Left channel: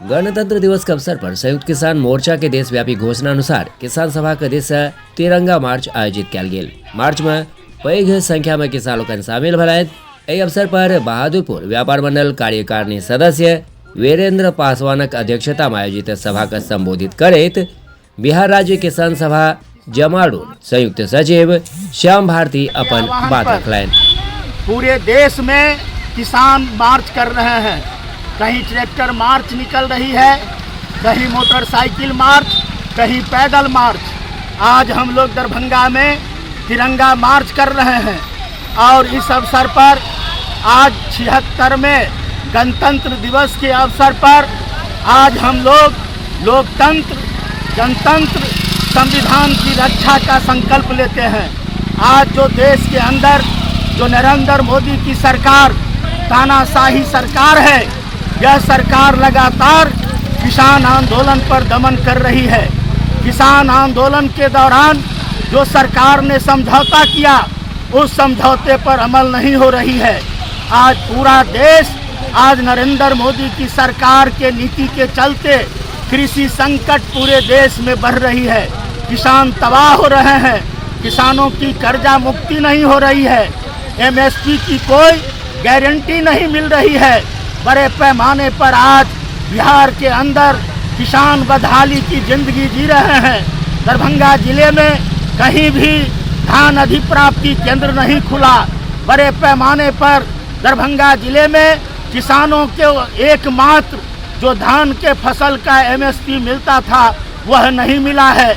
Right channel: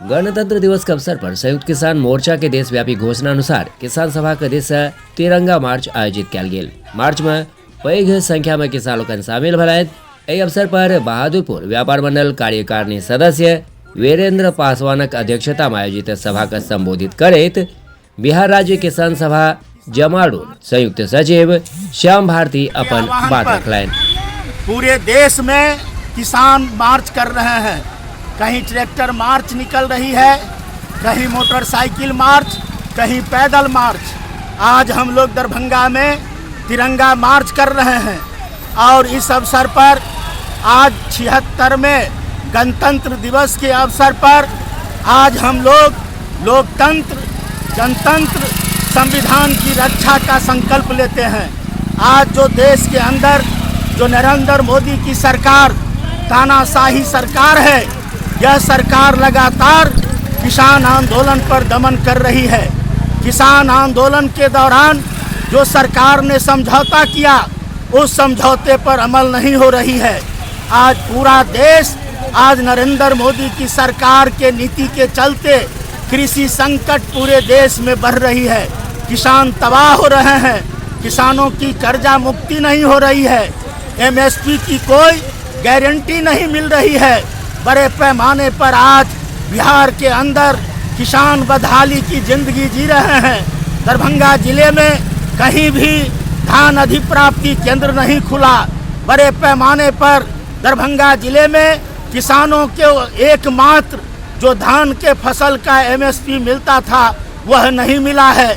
गणतंत्र दिवस के अवसर पर संयुक्त किसान मोर्चा के देशव्यापी घोषणा अनुसार किसान सभा के दिवसे तिरंगा मार्च आयोजित किया गेल। मार्च में पैघ संख्या में किसान लोग शामिल भेलथि। एहि अवसर पर बहादुरपुर व्यापार मंडल कार्यकारिणी सदस्य वीरेंद्र पासवानक अध्यक्षता में आयोजित सभा के संबोधित करैत बिहार राज्य किसान सभा जमालपुर संयुक्त सचिव श्याम भारती अपन बात रखलनि। पूरे देश में किसान मार्च कर रहे हैं, कहीं ट्रैक्टर मार्च निकल रही है, कहीं मोटरसाइकिल मार्च, कहीं पैदल मार्च। आज हम लोग दरभंगा में तिरंगा मार्च कर रहे हैं और इस अवसर पर आज 76वें गणतंत्र दिवस के अवसर पर आज हम लोग लोकतंत्र, जनतंत्र, संविधान की रक्षा का संकल्प लेते हैं। आज जो देश के अंदर जो नरेंद्र मोदी की सरकार तानाशाही सरकार है, यह सरकार लगातार किसान आंदोलन पर दमन कर रही है। किसान आंदोलन के दौरान जो सरकार ने समझौता किया, उस समझौते पर अमल नहीं हो रही है। आज पूरा देश आज नरेंद्र मोदी की सरकार के नीति के चलते कृषि संकट पूरे देश में बढ़ रही है। किसान तबाह हो रहे हैं, किसानों की कर्जा मुक्ति नहीं हो रही है, एमएसपी की कोई गारंटी नहीं मिल रही है। बड़े पैमाने पर आज बिहार के अंदर किसान बदहाली की जिंदगी जी रहे हैं। दरभंगा जिले में कहीं भी धान अधिप्राप्ति केंद्र नहीं खुला। बड़े पैमाने पर दरभंगा जिले में किसानों के एकमात्र जो धान के फसल का एमएसपी मिलता था वह नहीं मिला है।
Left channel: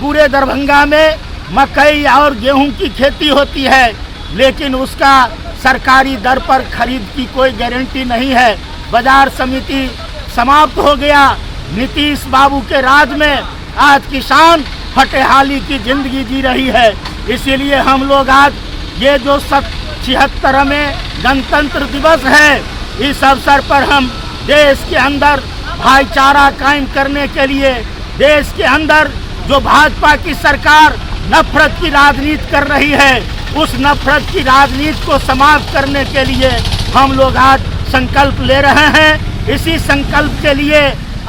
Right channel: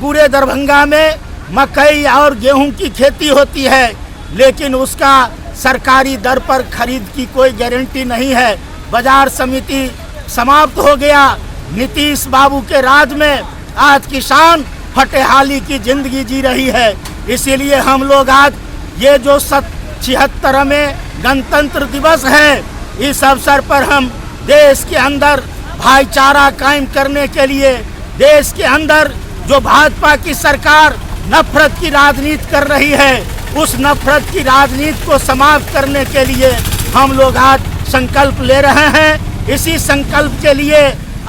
पूरे दरभंगा में मकई और गेहूं की खेती होती है, लेकिन उसका सरकारी दर पर खरीद की कोई गारंटी नहीं है। बाजार समिति समाप्त हो गया। नीतीश बाबू के राज में आज किसान फटेहाली की जिंदगी जी रही है। इसीलिए हम लोग आज ये जो 76वें गणतंत्र दिवस है, इस अवसर पर हम देश के अंदर भाईचारा कायम करने के लिए, देश के अंदर जो भाजपा की सरकार नफरत की राजनीति कर रही है, उस नफरत की राजनीति को समाप्त करने के लिए हम लोग आज संकल्प ले रहे हैं। इसी संकल्प के लिए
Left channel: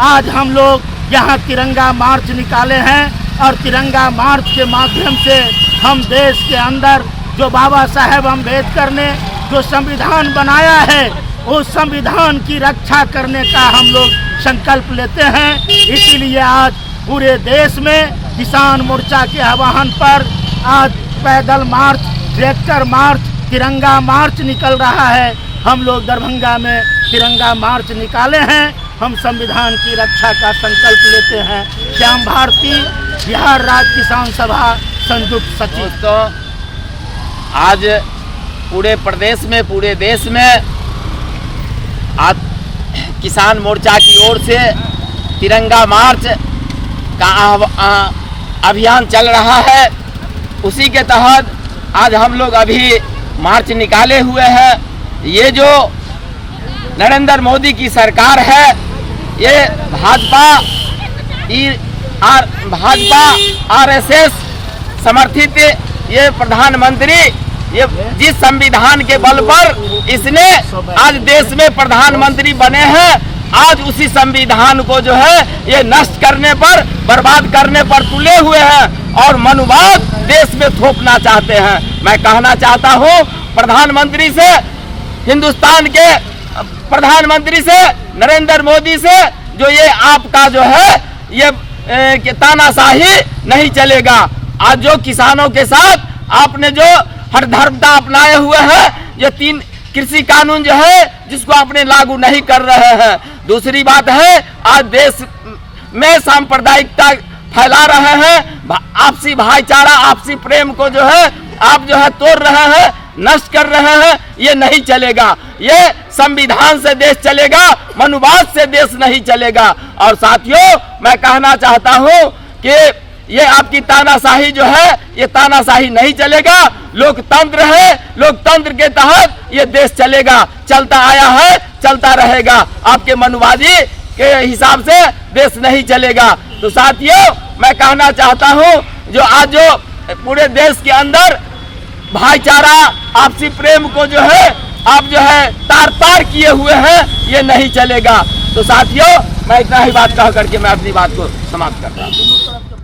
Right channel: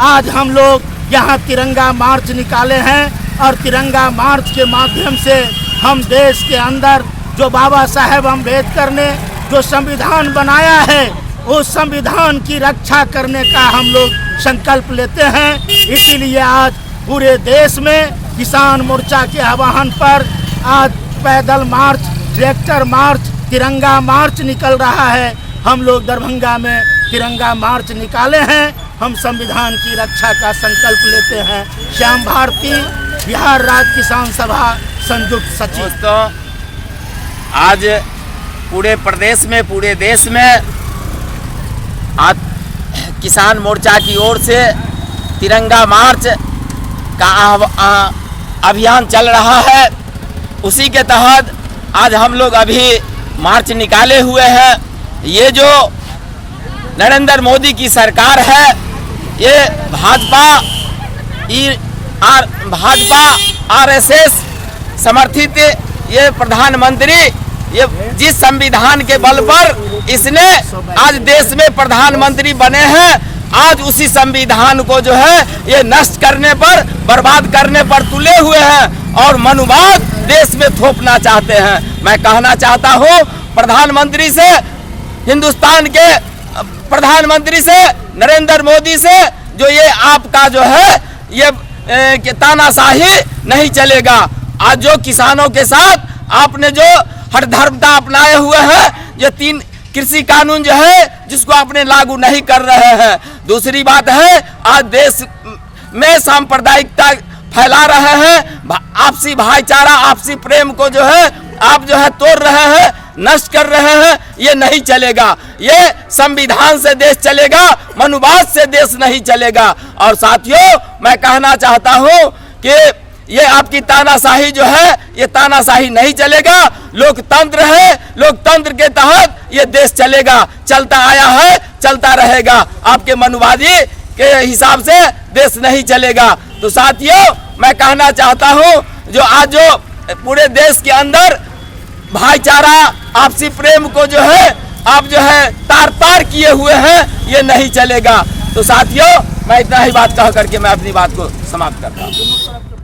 आज हम लोग यहाँ तिरंगा मार्च निकाले हैं और तिरंगा मार्च के माध्यम से हम देश के अंदर जो बाबा साहेब अम्बेडकर ने जो संविधान बनाया है, उस संविधान की रक्षा करने का हम लोग संकल्प लेते हैं। इसीलिए आज पूरे देश में किसान मोर्चा के आह्वान पर आज पैदल मार्च, ट्रैक्टर मार्च, तिरंगा मार्च निकल रहा है। हम लोग दरभंगा में तिरंगा मार्च निकाले हैं। हम संविधान की रक्षा का संकल्प लेते हैं। श्याम भारती, बिहार राज्य किसान सभा संयुक्त सचिव। दोस्तों, आज पूरे प्रदेश में, पूरे देश में आज किसान मोर्चा की ओर से तिरंगा मार्च का अभियान चल रहा है। उसी के तहत आज हम लोग अभी मार्च निकाले हुए हैं। ये जो नरेंद्र मोदी की सरकार है, ये भाजपा आरएसएस समर्थित ये प्रधानमंत्री, ये जिस संविधान के बल पर इसने आज देश में प्रधानमंत्री बने हैं, आज उसी संविधान को जो है ये नष्ट करने पर, बर्बाद करने पर तुले हुए हैं और मनुवाद देश में थोपना चाहते हैं। मैं कहना चाहता हूँ प्रधानमंत्री से, हिंदुस्तान के प्रधानमंत्री से, नरेंद्र मोदी से, जो ये आपका जो है ये तानाशाही नहीं चलेगा। आज जो किसानों के साथ आपने जो हठधर्मता अपनाए हुए हैं, ये 3 कृषि कानून जो है जिसको आपने लागू नहीं कर रहे हैं। दूसरी बात है, आज देश में सांप्रदायिकता फैला रहे हैं, आपसी भाईचारा, आपसी प्रेम को जो है आप जो है तोड़ रहे हैं, नष्ट कर रहे हैं। ये नहीं चलेगा। ये संविधान से देश चलेगा, मनुवाद से देश नहीं चलेगा। और साथियों, मैं कहना चाहता हूँ कि ये आपकी तानाशाही जो है, ये तानाशाही नहीं चलेगा। लोकतंत्र है, लोकतंत्र के तहत ये देश चलेगा, चलता आया है, चलता रहेगा। आपके मनुवादी के हिसाब से देश नहीं चलेगा। तो साथियों, मैं कहना चाहता हूँ जो आज जो पूरे देश के अंदर भाईचारा, आपसी प्रेम को जो है आप जो है तार तार किए हुए हैं, ये नहीं चलेगा। तो साथियों, मैं इतना ही बात कह करके मैं अपनी बात को समाप्त कर रहा हूँ।